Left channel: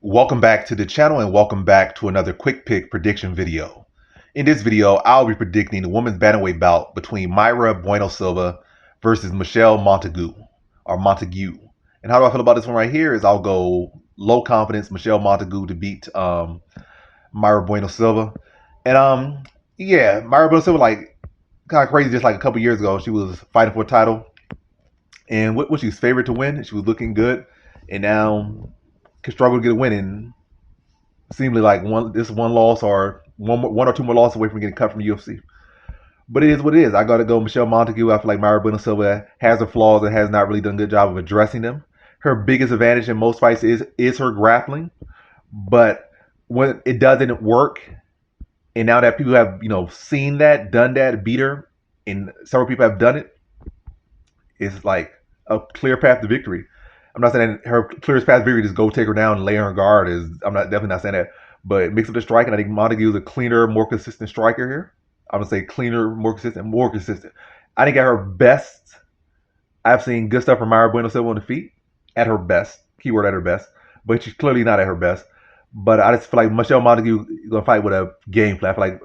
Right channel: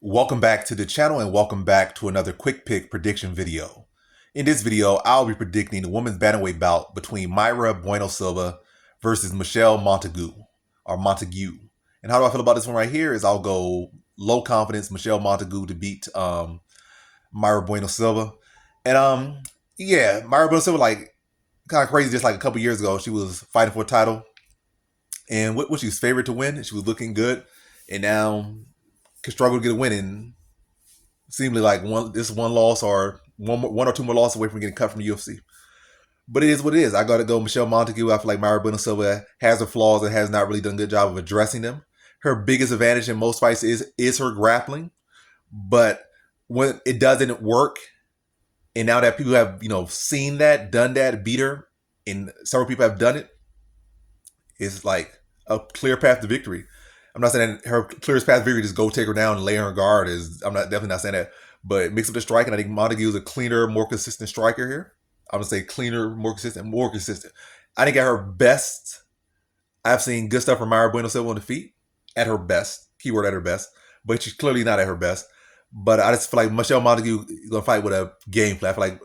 Welcome back to the channel and welcome back to another quick pick prediction video. In this video, I'll be predicting the women's bantamweight bout between Mayra Bueno Silva versus Michelle Montague. And how do I feel about this one right here is I'll go low confidence Michelle Montague to beat Mayra Bueno Silva. And yeah, Mayra Bueno Silva, like, kind of crazy, just like a couple years ago, she was fighting for a title. And what was she was favored to win? She was looking good. And now could struggle to get a win, and seemingly like one loss or one or two more losses away from getting cut from the UFC. But it is what it is. I gotta go Michelle Montague. I feel like Mayra Bueno Silva has her flaws and has not really done a good job of addressing them. Her biggest advantage in most fights is her grappling, but when it doesn't work, and now that people have seen that, done that, beat her, and several people have done it, it's like a clear path to victory. I'm not saying her clearest path to victory is go take her down and lay her on guard. I'm definitely not saying that. But mix up the striking. I think Montague is a cleaner, more consistent striker here. I'm gonna say cleaner, more consistent. I think at her best, I've seen good stuff from Mayra Bueno Silva on the feet. At her best, keyword at her best, but she's clearly not at her best. But I just feel like Michelle Montague is gonna fight with a game plan. I feel like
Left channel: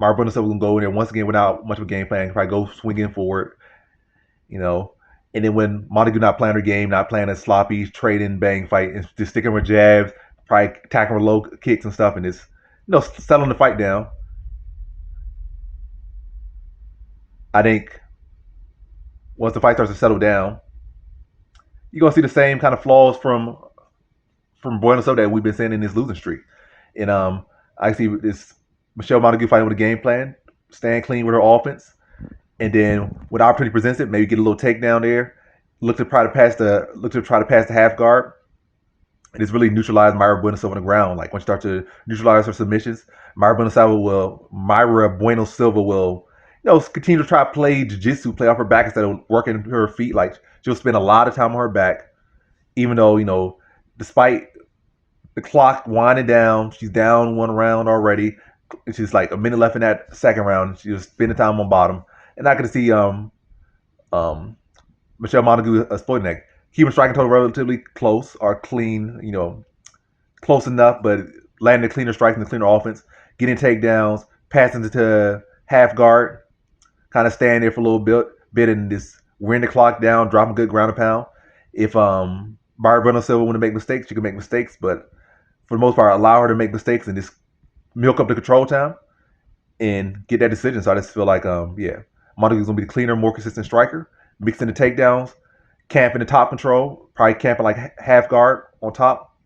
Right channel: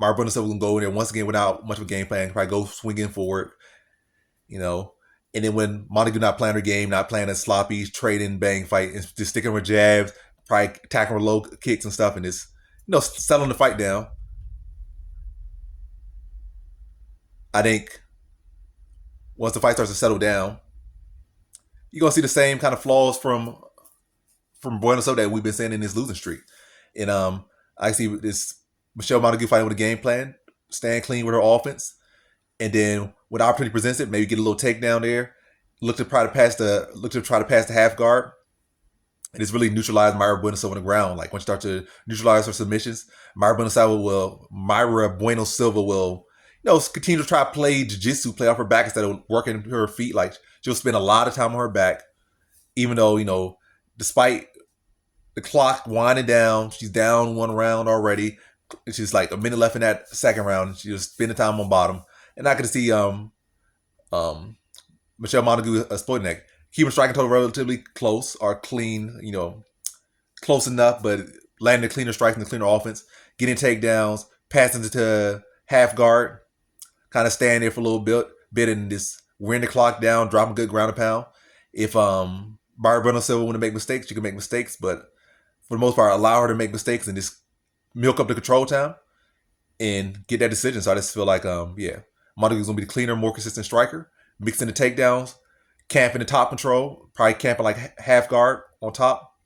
Mayra Bueno Silva gonna go in there once again without much of a game plan. Probably go swinging forward, And then when Montague not playing her game, not playing a sloppy trading bang fight, and just sticking with jabs, probably attacking with low kicks and stuff, and just settling the fight down. I think once the fight starts to settle down, you're gonna see the same kind of flaws from Bueno Silva that we've been seeing in this losing streak. And I see this Michelle Montague fighting with a game plan, staying clean with her offense. And then when the opportunity presents it, maybe get a little takedown there. Look to try to pass the half guard. And it's really neutralize Mayra Bueno Silva on the ground. Like once you start to neutralize her submissions, Mayra Bueno Silva will continue to try to play jiu-jitsu, play off her back instead of working her feet. Like she'll spend a lot of time on her back, even though, despite the clock winding down, she's down one round already. It's just like a minute left in that second round. She'll spend the time on bottom. And I could see Michelle Montague exploiting that. Keeping striking total relatively close or clean, close enough, but landing the cleaner strikes and the cleaner offense, getting takedowns, passing to half guard, kind of staying there for a little bit and just wearing the clock down, dropping good ground and pound. If Mayra Bueno Silva want to make mistakes, she can make mistakes, but for the most part, allow her to make mistakes and just milk up the control time and get that decision. So I just feel like, Montague's gonna be the cleaner, more consistent striker, mixing the takedowns, camping the top control, probably camping like half guard on top,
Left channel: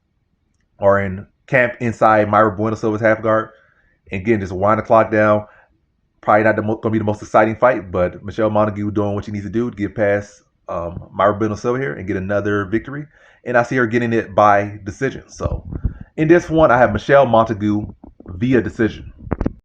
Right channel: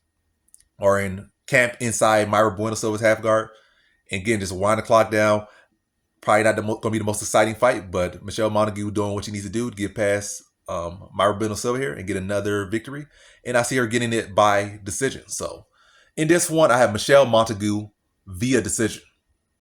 or in camp inside Mayra Bueno Silva's half guard, and again just wind the clock down. Probably not gonna be the most exciting fight, but Michelle Montague doing what she needs to do to get past Mayra Bueno Silva here and get another victory, and I see her getting it by decision. So in this one, I have Michelle Montague via decision.